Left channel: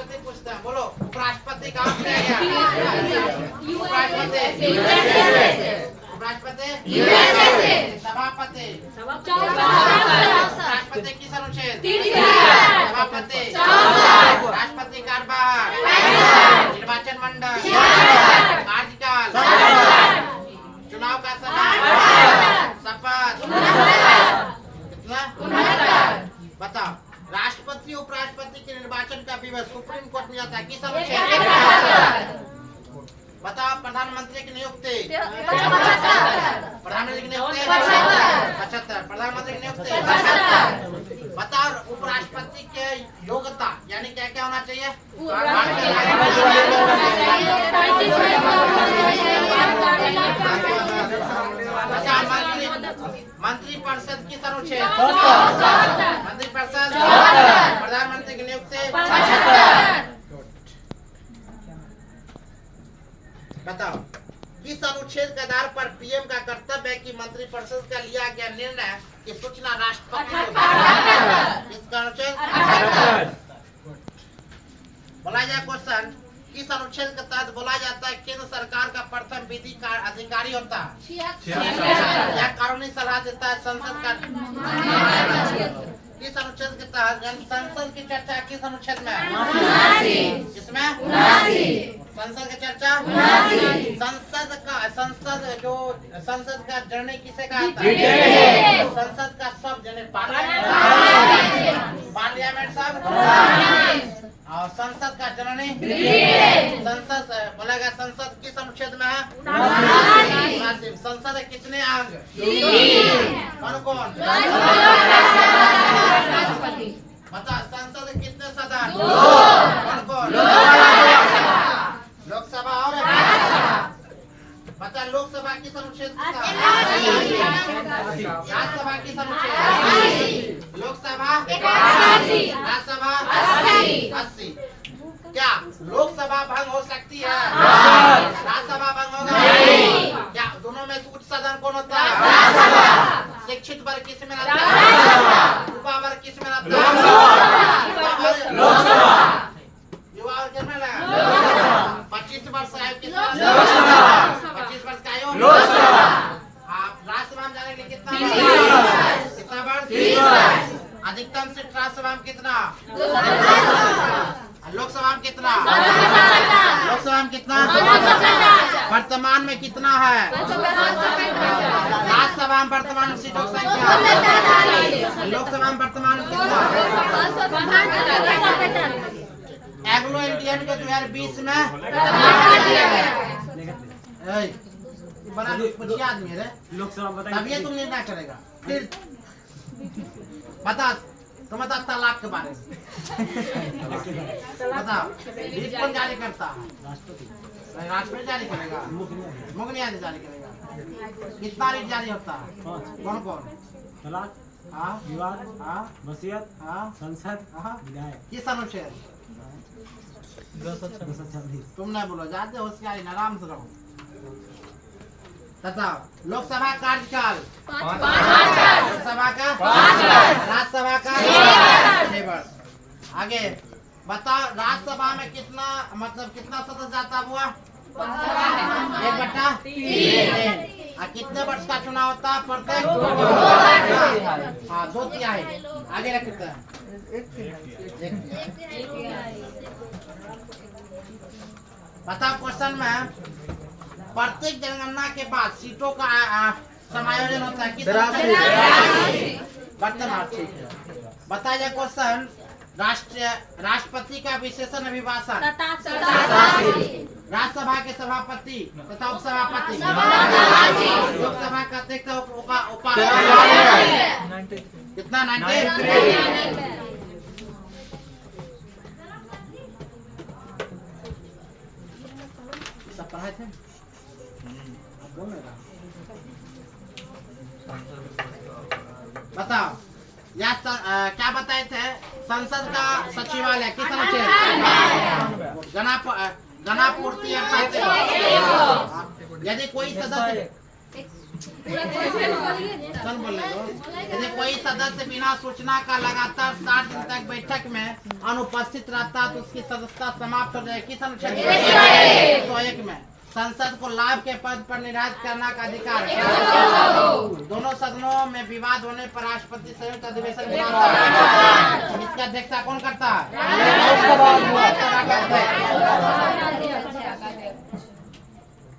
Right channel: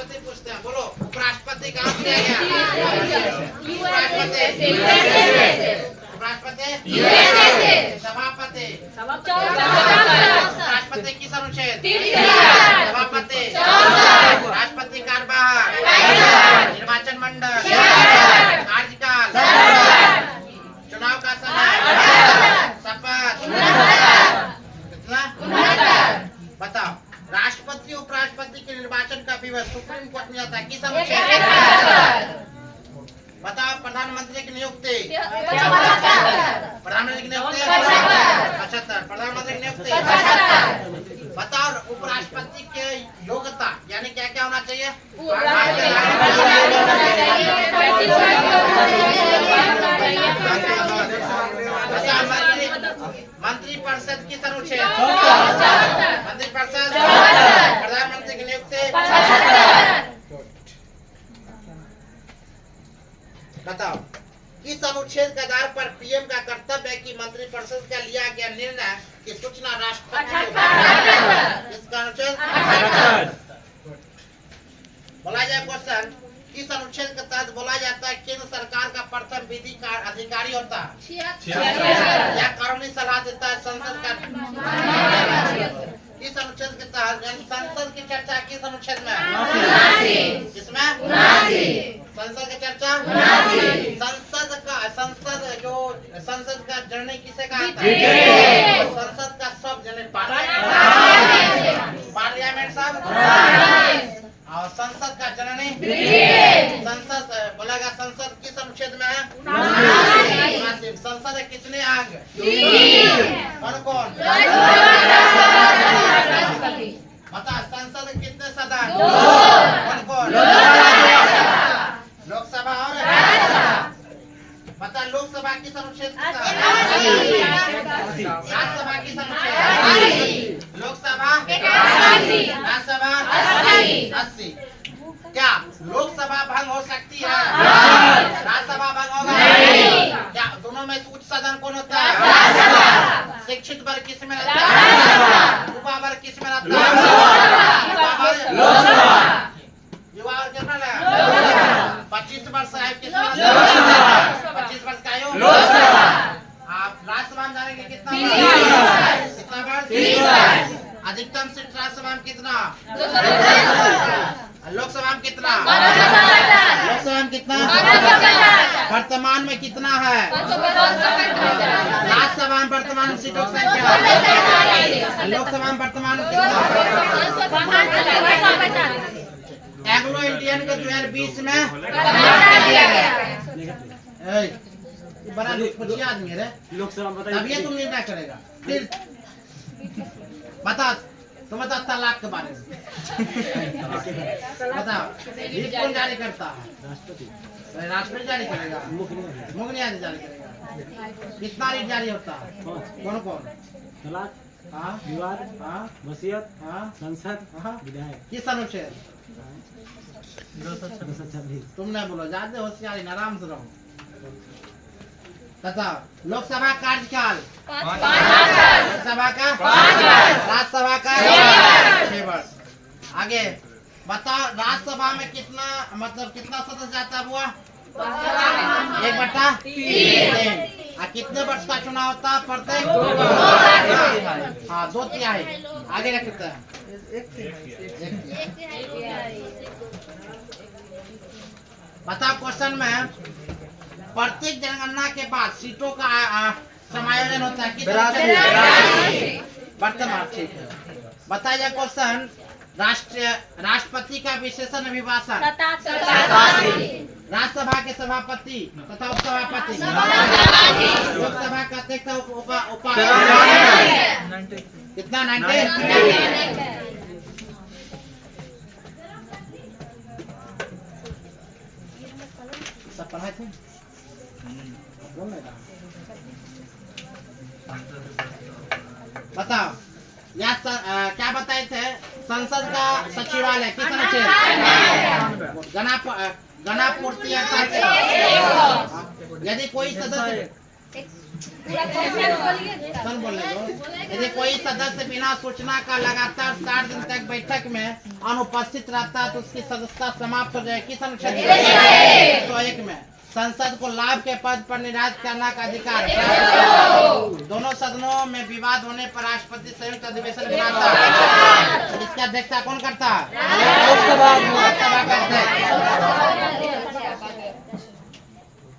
उपराष्ट्रपति पूछते हैं, बोलो उपराष्ट्रपति कहाँ से आया? उपराष्ट्रपति सभापति राष्ट्रपति किस अनुच्छेद? सभापति राष्ट्रपति कार्यभार निर्वाचन मंडल कार्यकाल चुनाव का समय शपथ कितना? बताओ राष्ट्रपति उपराष्ट्रपति के निर्वाचन का विवरण सुप्रीम कोर्ट में आता है किस अनुच्छेद? बताओ प्रधानमंत्री की नियुक्ति प्रधानमंत्री की नियुक्ति 75 प्रधानमंत्री की नियुक्ति 75 बताओ उपराष्ट्रपति के योग्यता यानी क्या क्या होना चाहिए? मंत्री परिषद किस अनुच्छेद? मंत्री परिषद प्रधानमंत्री की नियुक्ति बताओ किस अनुच्छेद के आधार पर पीएम का कर्तव्य है कि मंत्रिपरिषद का लिया गया निर्णय की सूचना राष्ट्रपति को किसका अनुच्छेद? बोला जाए क्वेश्चन किस अनुच्छेद के तहत बोला जाता है केंद्र सरकार का प्रथम विधि का अधिकारी होता है? यह कानूनी सलाह देता है संसद का किस अनुच्छेद के तहत संसद की चर्चा किस अनुच्छेद में? किसमें? संसद की चर्चा संसद का जननी किसे कहता है? संसद का सब जननी पार्लियामेंट सब और संसद का जननी संसद बोलेगा संसद किस अनुच्छेद में है? संसद के कितने अंग? कौन कौन? बता संसद के कितने सदन? कौन कौन? लोकसभा और बता लोकसभा किस अनुच्छेद? राज्यसभा किस अनुच्छेद? लोकसभा राज्यसभा 80 क्या लोकसभा भंग हो सकती है? राज्यसभा भंग होगा? क्या दोनों में उच्च सदन कौन होता है? शिक्षित वर्ग किस में रहता है? युवा वर्ग किस में रहता है? युवा वर्ग किस में रहता है? 25 वर्ष है किस में रहता है? 25 वर्ष का आयु आप राज्यसभा में जाने के लिए कितना वर्ष? अधिकतम सीट राज्यसभा में कितना? लोकसभा में कितना? लोकसभा में कितना? वर्तमान में कितना है? राज्यसभा में वर्तमान सीटों की संख्या लोकसभा में वर्तमान एंग्लो इंडियन के 2020 में बड़ा कुछ आदमी है लोकसभा तभी तुम निर्णय करेगा फिर बता तुम बता तलाक के बारे में बताओ लीग कौन जारी करता है? राष्ट्रपति जारी करेगा मुख्य न्यायाधीश जारी करेगा कितना रीट जारी होता है? कौन कौन? तलाक विवाद वसीयत संसद विधायक किस अनुच्छेद? तुम नहीं बोलो ज्यादा होशियारी आराम से रहो बताओ लोकसभा कार्यकाल लोकसभा का 5 वर्ष राज्यसभा का 6 वर्ष आगे बताओ राज्यसभा में कितना मतलब कितना सदस्य जाता हुआ? 1/3 कितने वर्ष का चुनाव होता है? प्रत्येक 2/3 आगे रखते हैं बताओ क्वेश्चन में प्रत्येक जनगणना के बाद सीटों का समायोजन होता है वर्तमान ठीक है बताइए क्वेश्चन राष्ट्रपति का विशेषण अभिभाषण राज्यसभा के सभापति तथा उपसभापति लोकसभा का अध्यक्ष कितना 90 सब पढ़ाए थे बताओ या क्या बताए थे? संसद का सचिवालय किस अनुच्छेद? गणापूर्ति यदि कोई सदस्य कौन बोलेगा? यदि कोई सदस्य बिना सूचना का लगातार 60 दिन तक बैठक में अनुपस्थित रहता है तो उसकी सदस्यता समाप्त हो जाएगी। किस अनुच्छेद 101 में संसद को लाभ के पद पर निर्धारित करने का अधिकार है। दोनों सदनों में विवाद होने पर राष्ट्रपति संयुक्त अधिवेशन बुलाता है। इसकी अध्यक्षता कौन करता है? लोकसभा का अध्यक्ष।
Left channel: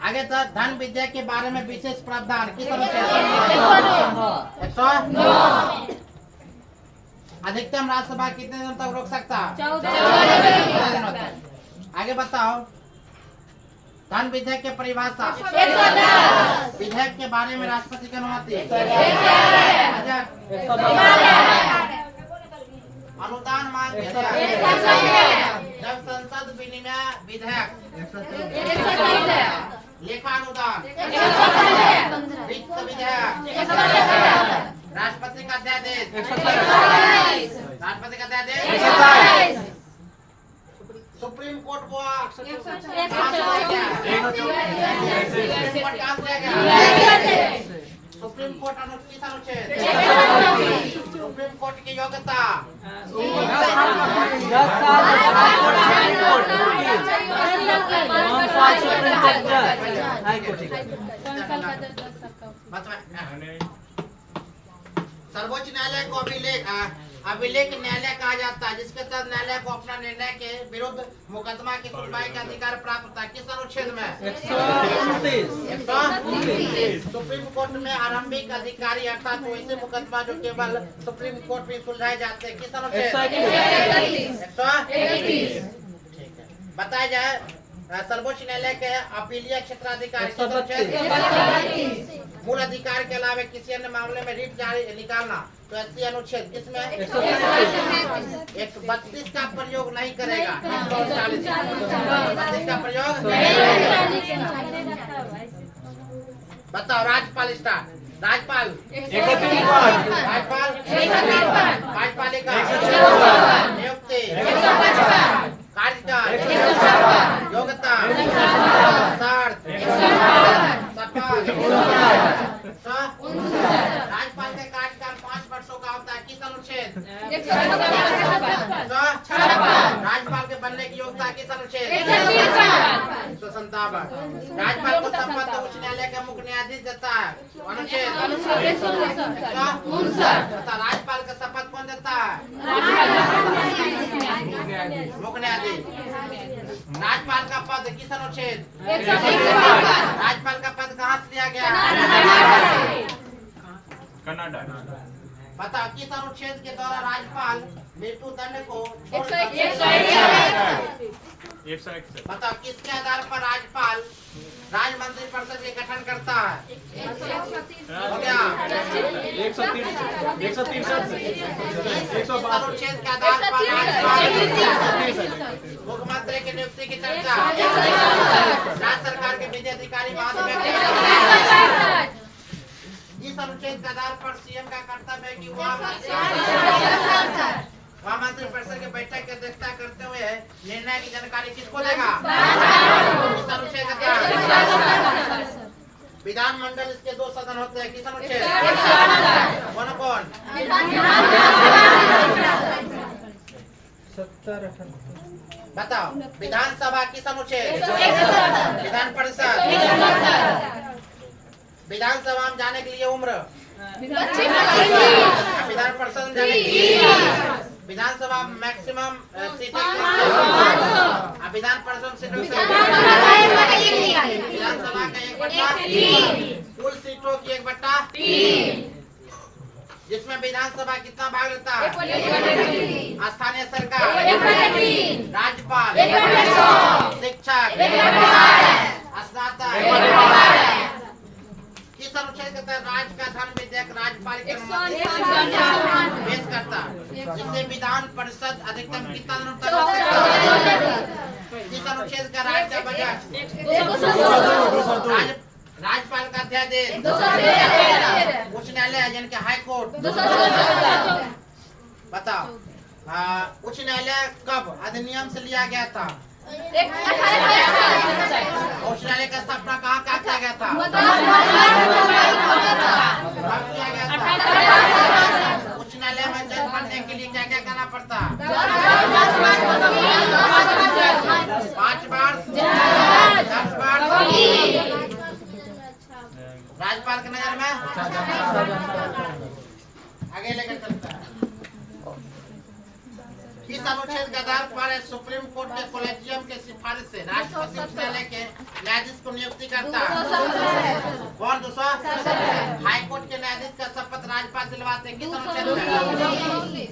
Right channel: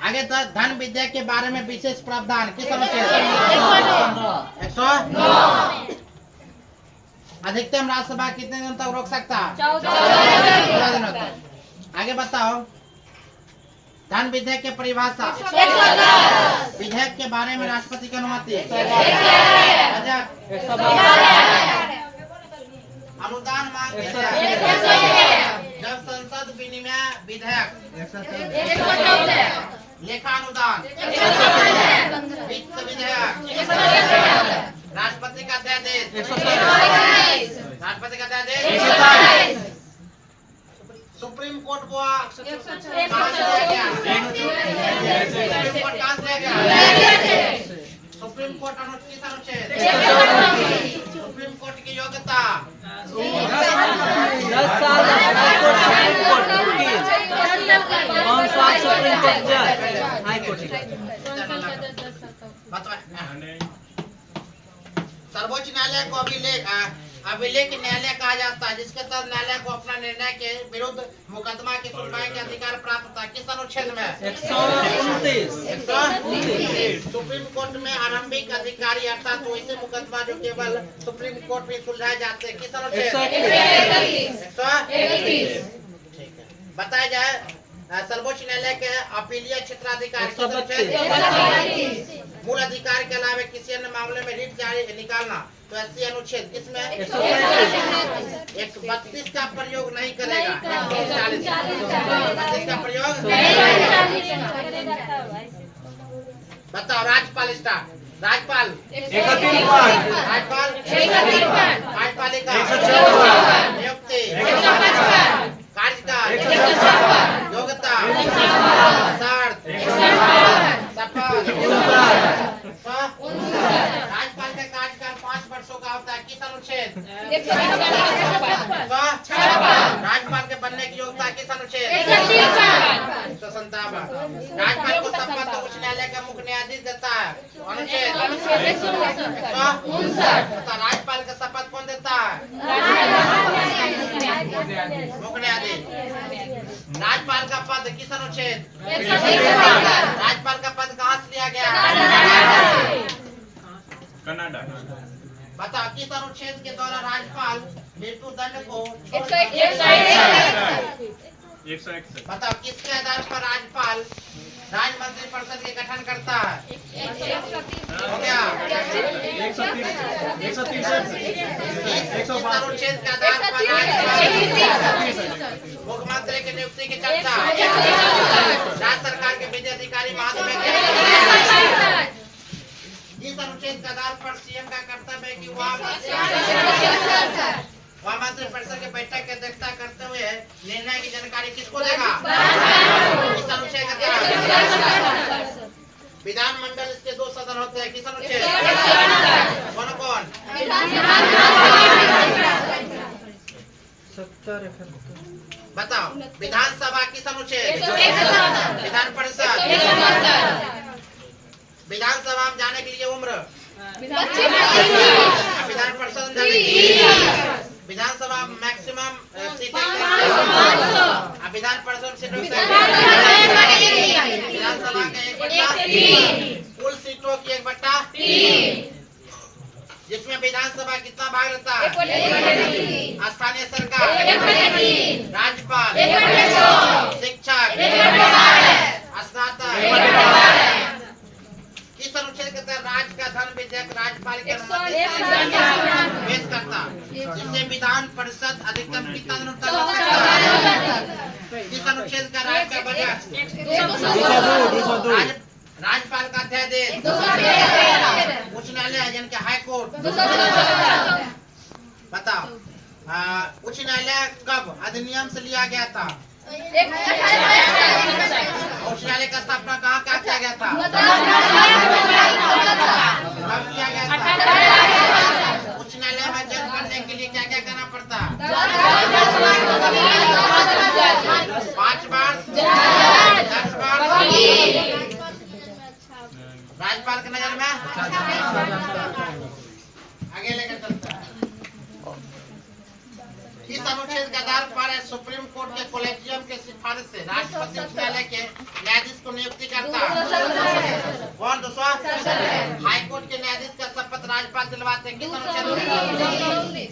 आगे तो धन विधेयक के बारे में विशेष प्रावधान। किस अनुच्छेद 109। अधिकतम राज्यसभा कितने दिन तक रोक सकता है? 14 दिनों तक। आगे बताओ धन विधेयक की परिभाषा। विधेयक के बारे में राष्ट्रपति की अनुमति। अनुदान मांग जब संसद विनिमय विधेयक, लेखानुदान, वित्त विधेयक, राष्ट्रपति का अध्यादेश, राष्ट्रपति का अध्यादेश, सुप्रीम कोर्ट को सुप्रीम कोर्ट अनुच्छेद सुप्रीम कोर्ट की योग्यता 10 साल सर्वोच्च न्यायालय को अभिलेख न्यायालय कहा जाता है, जिसके तहत न्यायालय को अपना निर्णय के विरुद्ध मुकदमा की सुनवाई का अधिकार प्राप्त होता है। किस अनुच्छेद में? 129। सुप्रीम कोर्ट में आरंभिक अधिकारी अर्थात वैसे मुकदमा जो केवल सुप्रीम कोर्ट में सुलझाए जाते हैं। किस अनुच्छेद? 131। बताया जाए सर्वोच्च न्यायालय के अपीलीय क्षेत्राधिकार। मूल अधिकार के अलावा किसी अन्य मामले में रिट जारी निकालना तो 80 अनुच्छेद किसमें? 132 का प्रयोग नहीं करेगा। 140 का प्रयोग। बताओ राज्यपाल स्टार्ट। राज्यपाल कार्यपालिका नियुक्ति कार्यकाल योग्यता शर्त शपथ। राज्यपाल का कार्यकाल 5 वर्षों का होता है। किस अनुच्छेद? राज्यपाल के बनने की योग्यता किस अनुच्छेद? 157। राज्यपाल को शपथ उच्च न्यायालय का मुख्य न्यायाधीश देता है। अनुच्छेद 159। राज्यपाल का शपथ कौन देता है? मुख्य न्यायाधीश। राज्यपाल का पद किस अनुच्छेद? राज्यपाल का पद कहाँ से लिया गया? कनाडा। बताओ किस अनुच्छेद के द्वारा राज्यपाल मृत्युदंड को 161। बताओ किसके आधार पर राज्यपाल राज्य मंत्रिपरिषद के गठन करता है? हो गया 130 अनुच्छेद के आधार पर राज्यपाल मुख्यमंत्री की नियुक्ति की चर्चा। राज्य सरकार के विधि अधिकारी महाधिवक्ता इस अनुच्छेद के आधार पर सीएम का कर्तव्य है कि वह मंत्रिपरिषद के बैठक की अध्यक्षता करते हुए निर्णय की जानकारी किसको देगा? इस अनुच्छेद का क्या? विधानमंडल इसके 2 सदन होते हैं। किस अनुच्छेद? कौन कौन? बताओ विधानसभा किस अनुच्छेद? विधान परिषद। विधानसभा में जाने के लिए उम्र? विधान परिषद में जाने के लिए विधानसभा मैक्सिमम सीटें। विधान परिषद सीटों से विधानसभा का 1/3 कुल सीटों की 1/3 जिसमें विधानसभा कितना भाग लेता है? स्थानीय सरकार, राज्यपाल, शिक्षक, स्नातक। किस अनुच्छेद के तहत राज्य का धन विधेयक राज्यपाल की अनुमति पेश करता है, जिससे विधान परिषद अधिकतम कितना दिनों तक हो सकता है? किस अनुच्छेद का राज्य का बजट? राज्यपाल का अध्यादेश। उच्च न्यायालय यानी कि हाई कोर्ट। बताओ उच्च न्यायालय कब अधिनियम से लिया गया था? उच्च न्यायालय का स्थापना कहाँ क्या किया गया था? कब किया गया था? उच्च न्यायालय में जज बनने के लिए क्या क्या करना पड़ता? 5 बार 10 बार। राज्यपाल की नजर में आगे लेकर चलता है। इस अनुच्छेद के आधार पर सुप्रीम कोर्ट के कोलेजियम के सिफारिश से राष्ट्रपति उच्च न्यायालय के न्यायाधीश को नियुक्ति करता है। कौन? 200। हाई कोर्ट के न्यायाधीश का शपथ राज्यपाल दिलवाते हैं किस अनुच्छेद में?